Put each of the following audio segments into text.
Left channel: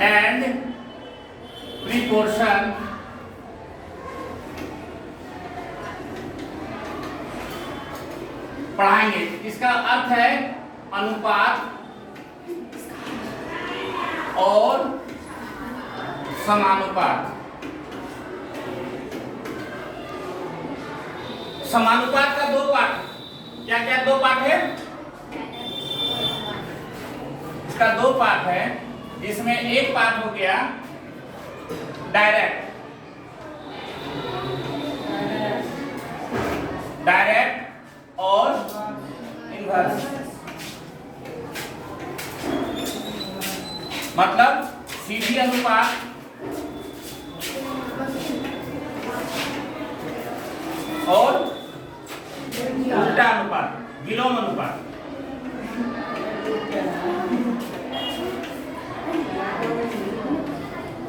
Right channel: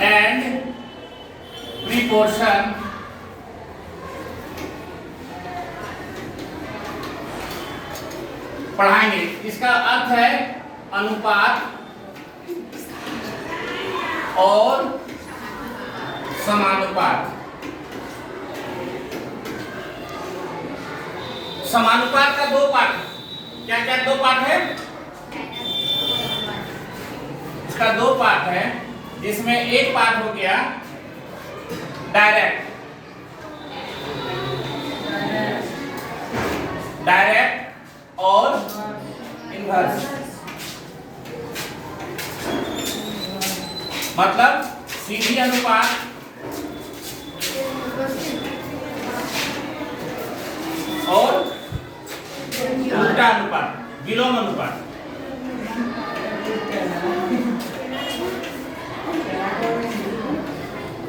And प्रीपोर्शन पढ़ाएंगे। इसका अर्थ है अनुपात और समानुपात। समानुपात का दो पार्ट, क्या क्या दो पार्ट है? इसका दो पार्ट है, जिसमें एक पार्ट हो गया डायरेक्ट और इनवर्स। मतलब सीधी अनुपात और उल्टा अनुपात, विलोम अनुपात।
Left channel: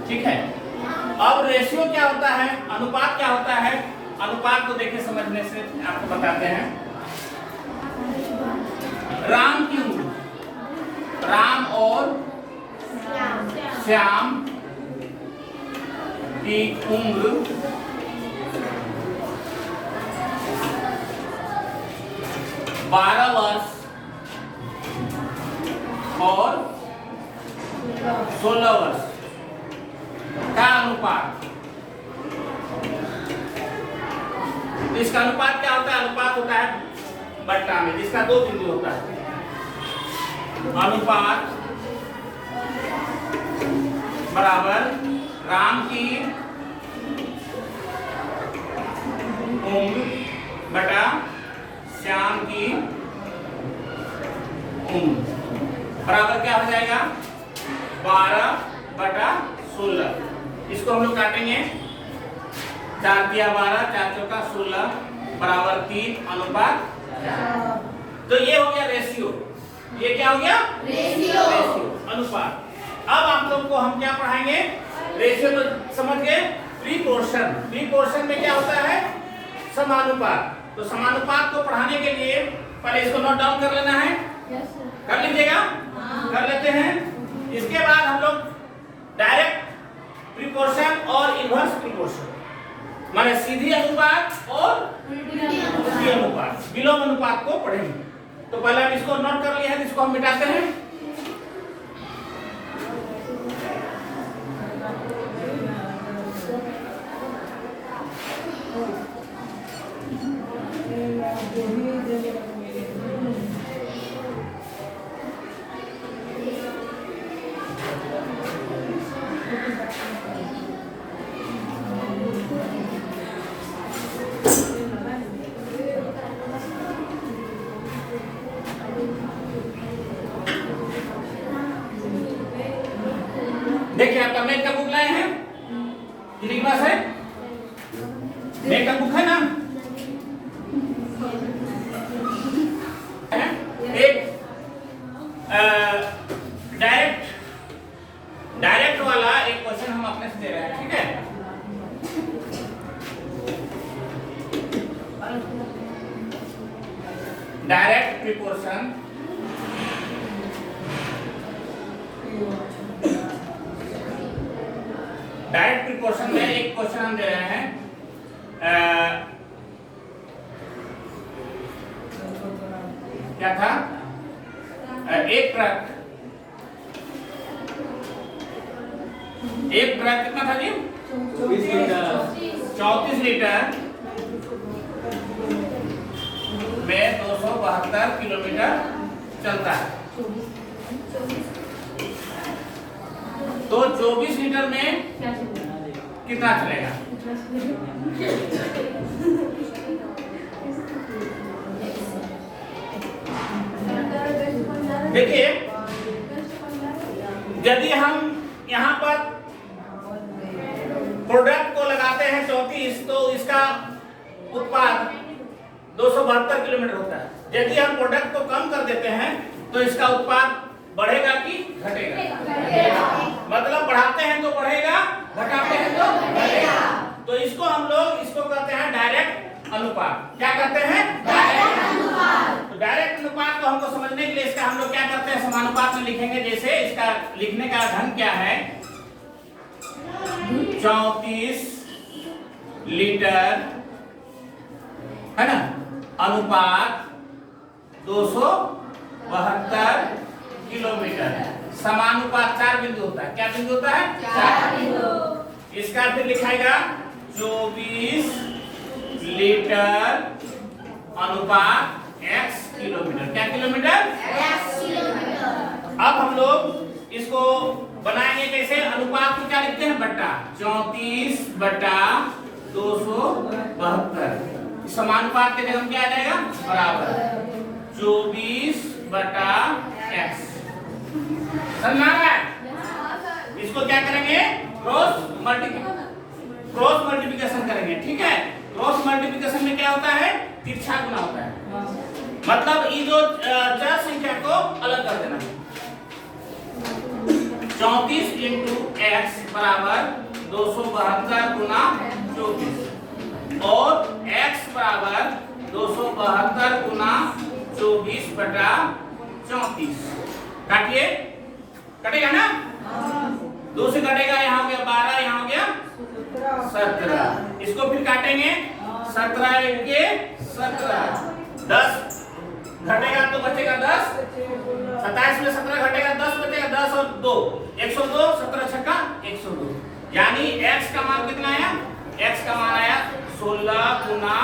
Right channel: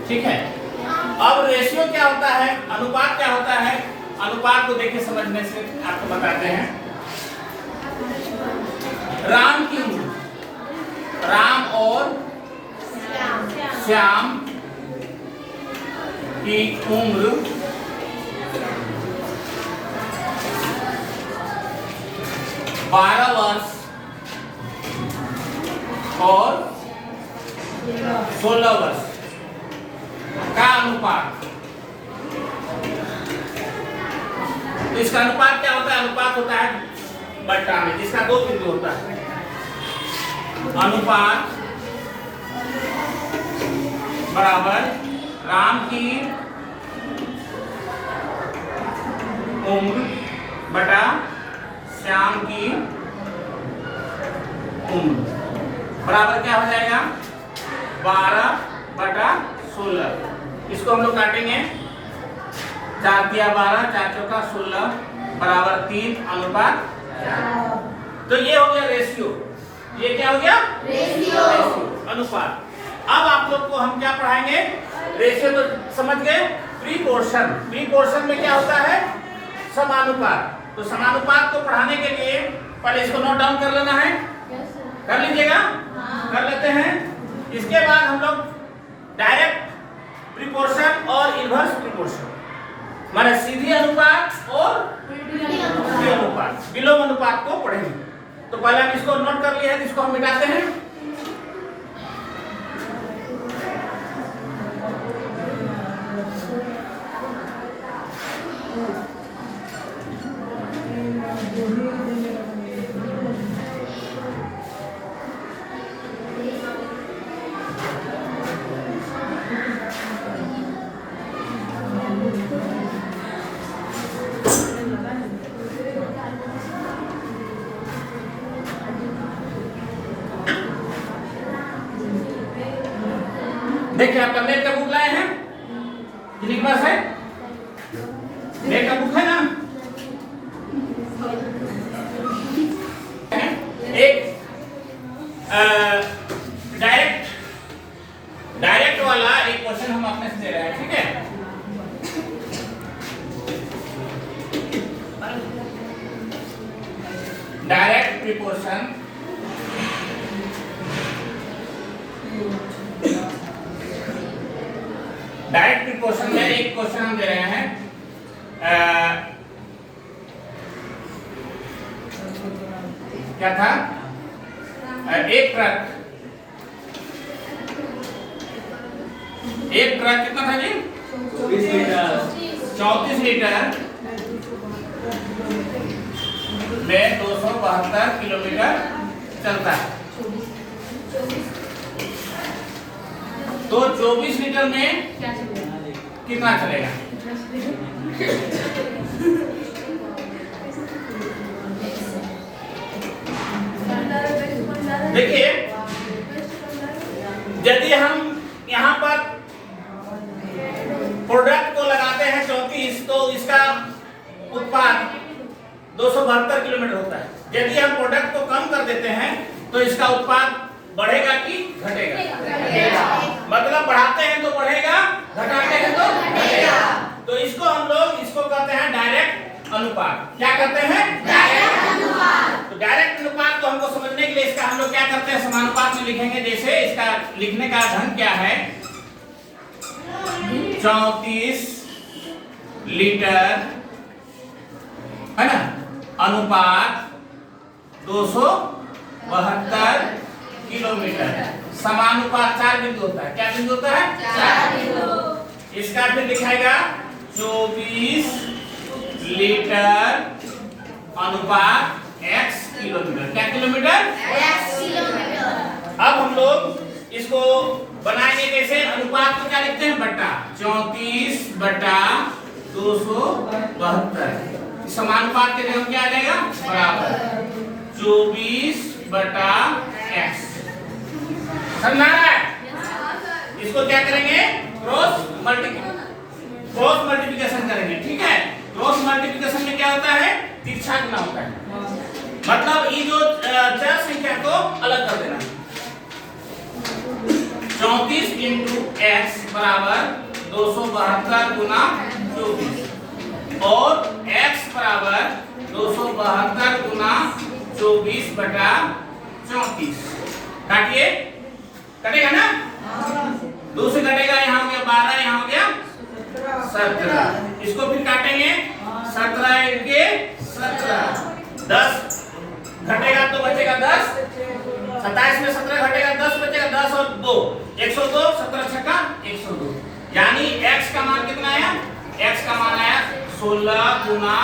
ठीक है। अब रेशियो क्या होता है, अनुपात क्या होता है? अनुपात को देखिए समझने से आपको बताते हैं। राम की उम्र, राम और श्याम की उम्र 12 वर्ष और 16 वर्ष का अनुपात। इसका अनुपात क्या होता है? अनुपात होता है बट्टा में, जिसका दो बिंदु होता है। अनुपात बराबर राम की उम्र बटा श्याम की उम्र बराबर क्या हो जाएगा? 12/16। इसको हम लोग काटेंगे। 4 × 12, 4 × 4 = 16 बराबर 3 अनुपात 4। तो ये हो गया रेशियो। ये क्या हो गया? रेशियो। अनुपात। अब आप लोग को हम क्या पढ़ाएंगे? रेशियो तो समझ गए। प्रीपोर्शन, प्रीपोर्शन में क्या होता है? समानुपात। तो समानुपात को पढ़ाने के लिए पहले इसको नोट डाउन कर लेना है। कर लीजिएगा? कर लेते हैं। इसके बाद हम लोग डायरेक्ट प्रीपोर्शन और इनवर्स प्रीपोर्शन, माने सीधी अनुपात और उल्टी अनुपात, विलोम अनुपात को पढ़ेंगे। तो पहले हम इसको नोट कर लिया है, इसको हम मिटाते हैं। देखिए आपका मैथ का बुक लाए हैं, किसके पास है? मैथ का बुक है ना? एक डायरेक्ट वाला एक क्वेश्चन हम अपने से दे रहे हैं, ठीक है? डायरेक्ट प्रीपोर्शन डायरेक्ट प्रीपोर्शन में एक क्वेश्चन हम दे रहे हैं। क्या था? एक ट्रक कितना था जी? 34 लीटर में 272 किलोमीटर चलता है। तो 24 लीटर में कितना चलेगा? देखिए, यदि हम यहाँ पर प्रोडक्ट को लगाते हैं 34, तो इसका उत्पाद 272 किलोमीटर होता है। यदि हम प्रोडक्ट को कम कर देते हैं तो इसका उत्पाद बढ़ेगा कि घटेगा? मतलब बढ़ाते हैं तो बढ़ेगा, घटाते हैं तो घटेगा। तो इसको हम लोग इसको कहते हैं डायरेक्ट अनुपात। क्या कहते हैं? डायरेक्ट अनुपात। तो डायरेक्ट अनुपात को हमको समझने के लिए इसका हम लोग क्या करते हैं? समानुपात में लिखेंगे। जैसे इसका लिखने का ढंग क्या है 34 लीटर है ना, अनुपात 272 किलोमीटर। समानुपात 4 बिंदु होता है। क्या बिंदु होता है? 4 बिंदु। इसका फिर लिखाएगा 24 लीटर अनुपात x किलोमीटर। क्या किलोमीटर? x kilometre. अब हम लोग इसको बनाएंगे कैसे? अनुपात को क्या लिखते हैं? बट्टा। 34/272। समानुपात के जगह क्या आ जाएगा? बराबर 24/x। समझ आ रहा है? इसको क्या करेंगे? क्रॉस मल्टीप्लिकेशन करेंगे। ठीक है, क्रॉस मल्टीप्लिकेशन में क्या होता है? तिरछा गुना होता है। मतलब ये जो चार संख्या को अलग कर देना। 34 इंटू एक्स बराबर 272 गुना 24 और एक्स बराबर 272 गुना 24/34। काटिए, कटेगा ना? 2 से कटेगा, यहाँ हो गया 12, यहाँ हो गया 17। इसको फिर काटेंगे 17 के 17, 10 घटेगा तो बचेगा 10। 27 में 17 घटेगा 10 बचेगा 10 और 2 102। 17 छक्का 102। यानी x का मान कितना आया? x का मान आया 16 गुना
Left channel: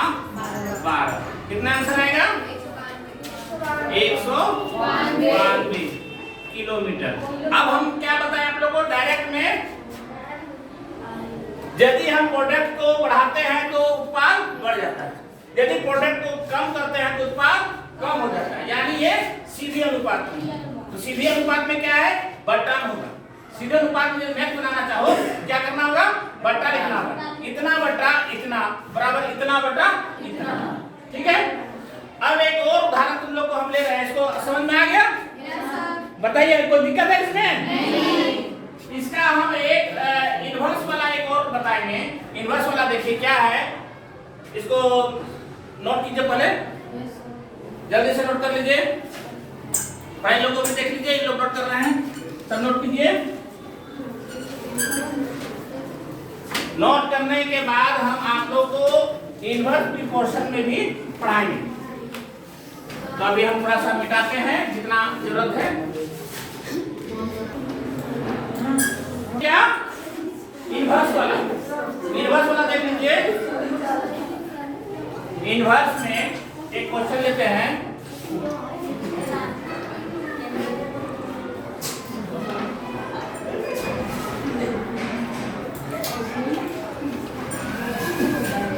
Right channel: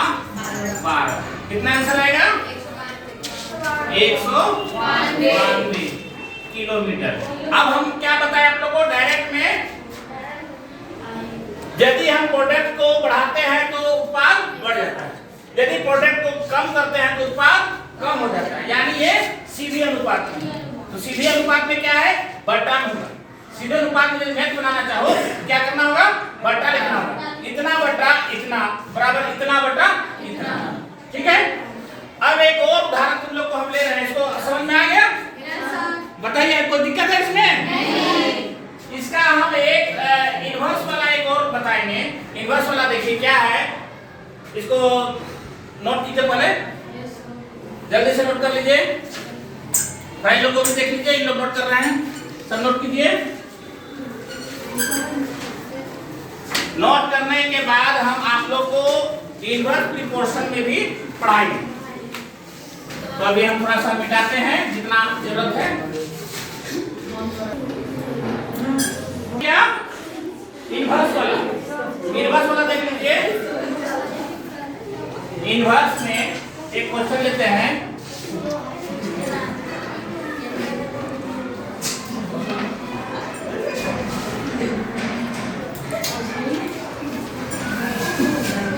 12। कितना आंसर आएगा? 192 किलोमीटर। अब हम क्या बताएं आप लोगों को? डायरेक्ट में यदि हम प्रोडक्ट को बढ़ाते हैं तो उत्पाद बढ़ जाता है, यदि प्रोडक्ट को कम करते हैं तो उत्पाद कम हो जाता है। यानी ये सीधे अनुपात में। तो सीधे अनुपात में क्या है? बट्टा होगा। सीधे अनुपात में यदि मैथ बनाना चाहो क्या करना होगा? बट्टा लिखना होगा। इतना बट्टा इतना बराबर इतना बट्टा इतना। ठीक है, अब एक और उदाहरण तुम लोग को हम ले रहे हैं। इसको समझ में आ गया? बताइए, कोई दिक्कत है इसमें? इसका हम एक इनवर्स वाला एक और बताएंगे। इनवर्स वाला देखिए क्या है, इसको नोट कीजिए, पहले जल्दी से नोट कर लीजिए। भाई लोगों को भी देख लीजिए, इन लोग नोट कर रहे हैं, सब नोट कीजिए। नोट करने के बाद हम आप लोग को इनवर्स प्रोपोर्शन में भी पढ़ाएंगे। तो अभी हम थोड़ा सा मिटाते हैं जितना जरूरत है। क्या? इनवर्स वाला देख लीजिए। इनवर्स में एक क्वेश्चन लेते हैं।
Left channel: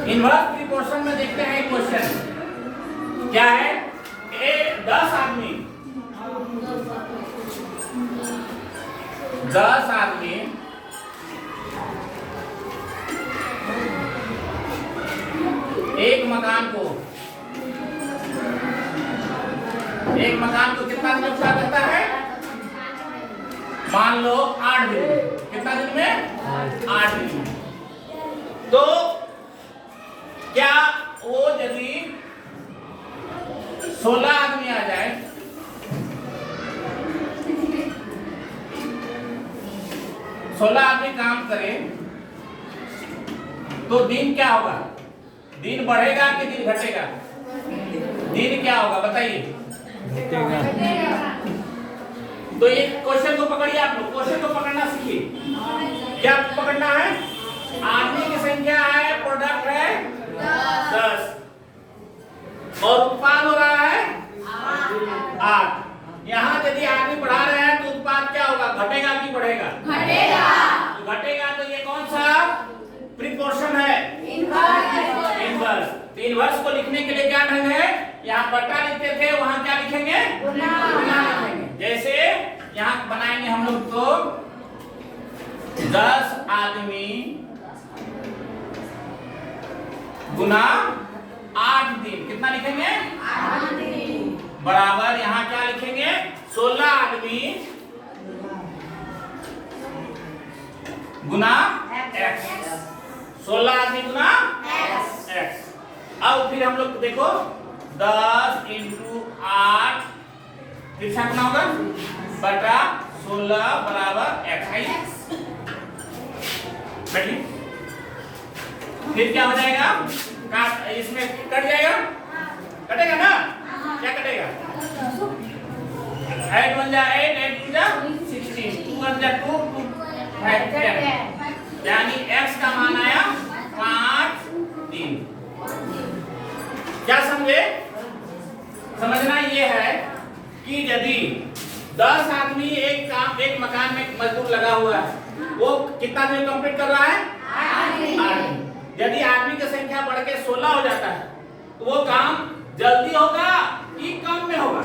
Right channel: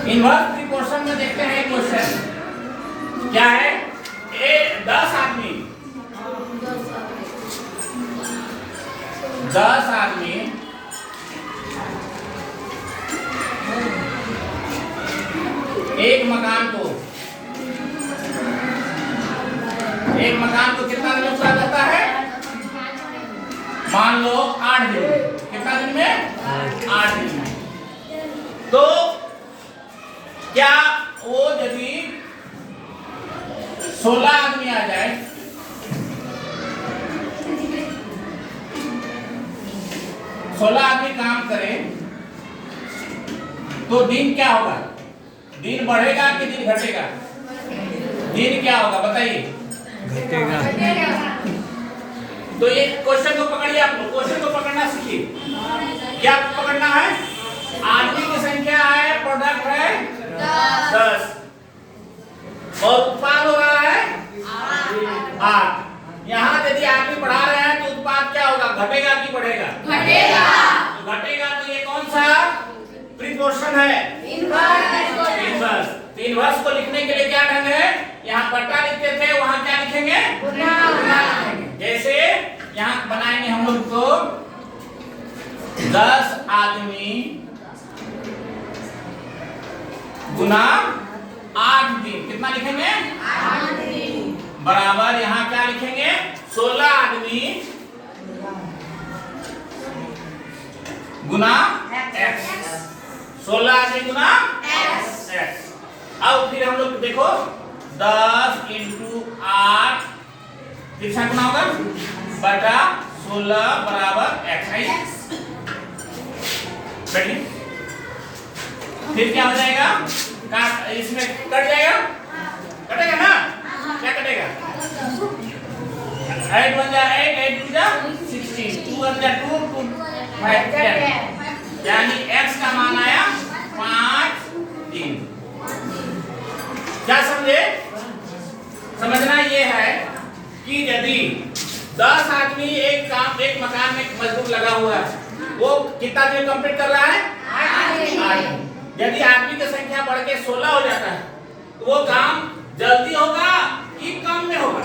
इनवर्स प्रोपोर्शन में देखते हैं क्वेश्चन क्या है। 10 आदमी एक मकान को कितना दिन में पूरा करता है? मान लो 8 दिन में। कितना दिन में? 8 दिन में। तो क्या वो यदि 16 आदमी आ जाए, 16 आदमी काम करे तो दिन क्या होगा? दिन बढ़ेगा कि दिन घटेगा? दिन क्या होगा बताइए? घटेगा। तो ये क्वेश्चन को पकड़िए, आप लोग क्वेश्चन को पकड़ना सीखिए। क्या पकड़ना है? आदमी की संख्या है, प्रोडक्ट है 10 और उत्पाद हो रहा है 8। यहाँ यदि आदमी बढ़ा रहे हैं तो उत्पाद क्या होगा? घटेगा कि बढ़ेगा? घटेगा। तो घटेगा तो ये कौन सा प्रीपोर्शन है? इनवर्स। तो इनवर्स को लिखने के लिए क्या ढंग है? यहाँ बट्टा लिखते थे, वहां क्या लिखेंगे? गुना लिखेंगे। जैसे यहाँ बनाएंगे हम लोग तो 10 आदमी गुना 8 दिन। कितना लिखेंगे? 8 दिन बराबर यहाँ क्या लिखेंगे? 16 आदमी गुना x। 16 आदमी गुना x। अब फिर हम लोग देखो 10 इंटू 8 तिरछा गुना होगा बटा 16 बराबर x है। बैठिए। फिर क्या हो जाएगा, काट, इसमें कट जाएगा, कटेगा ना, क्या कटेगा, 8 1 जा 8, 8 2 जा 16, 2 1 जा 2, 2 5 10, यानी x का मान आया 5 3। क्या समझे? समझना ये है कि यदि 10 आदमी एक मकान में मजदूर लगा हुआ है, वो कितना दिन कंप्लीट कर रहा है, 8। यदि आदमी की संख्या बढ़ के 16 हो जाता है तो वो काम जल्दी होगा कि कम में होगा?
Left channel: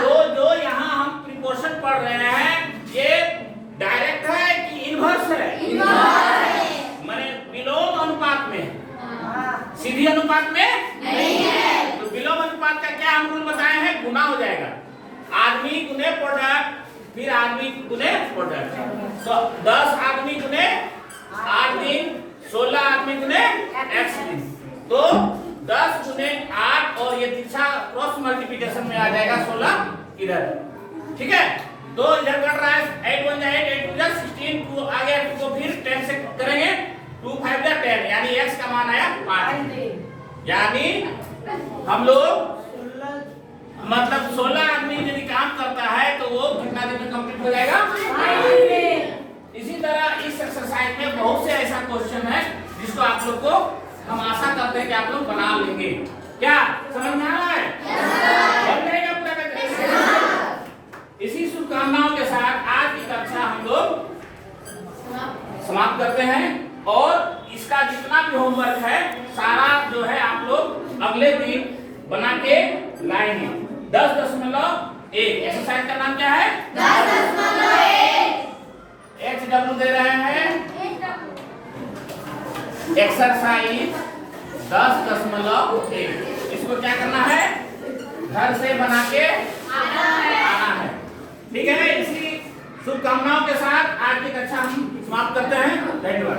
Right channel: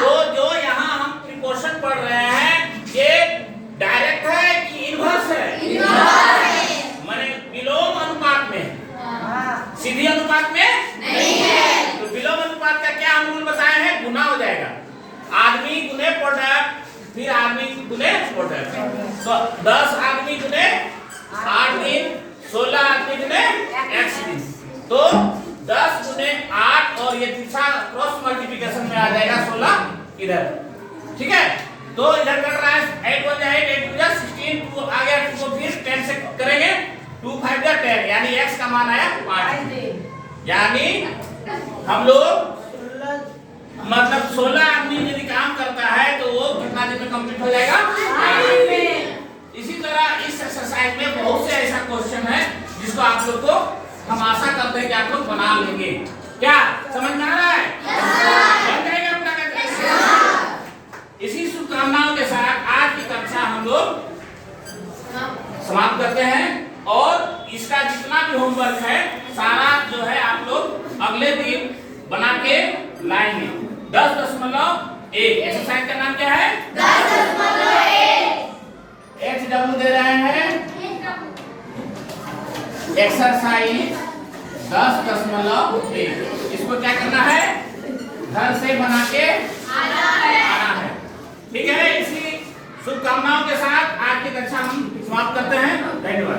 तो जो यहाँ हम प्रिपोर्शन पढ़ रहे हैं ये डायरेक्ट है कि इनवर्स है? माने विलोम अनुपात में, सीधी अनुपात में नहीं है। तो विलोम अनुपात का क्या हम रूल बताए हैं, गुना हो जाएगा, आदमी गुने प्रोडक्ट, फिर आदमी गुने प्रोडक्ट। तो 10 आदमी गुने 8 दिन, 16 आदमी गुने x दिन, तो 10 गुने 8 और ये तीसरा क्रॉस मल्टीप्लिकेशन में आ जाएगा 16 इधर, ठीक है। तो इधर कट रहा है 8 1 जा 8, 8 2 जा 16, 2 आ गया, 2 को फिर 10 से करेंगे, 2 5 जा 10, यानी x का मान आया 5। यानी हम लोग मतलब 16 आदमी यदि काम करता है तो वो कितना दिन में कंप्लीट हो जाएगा? इसी तरह इस एक्सरसाइज में बहुत से ऐसा क्वेश्चन है जिसको आप लोग को हम आशा करते हैं कि आप लोग बना लेंगे। क्या समझ में आ रहा है? बन जाएगा पूरा करके। इसी शुभकामनाओं के साथ आज की कक्षा हम लोग समाप्त करते हैं और इसका जितना भी होमवर्क है सारा जो है आप लोग अगले दिन बना के लाएंगे। 10.1 एक्सरसाइज का नाम क्या है? 10.1 HW दे रहे हैं एक्सरसाइज 10.1। इसको क्या करना है, घर से बना के आना है, ठीक है। इसी शुभकामनाओं के साथ आज की कक्षा हम समाप्त करते हैं। धन्यवाद।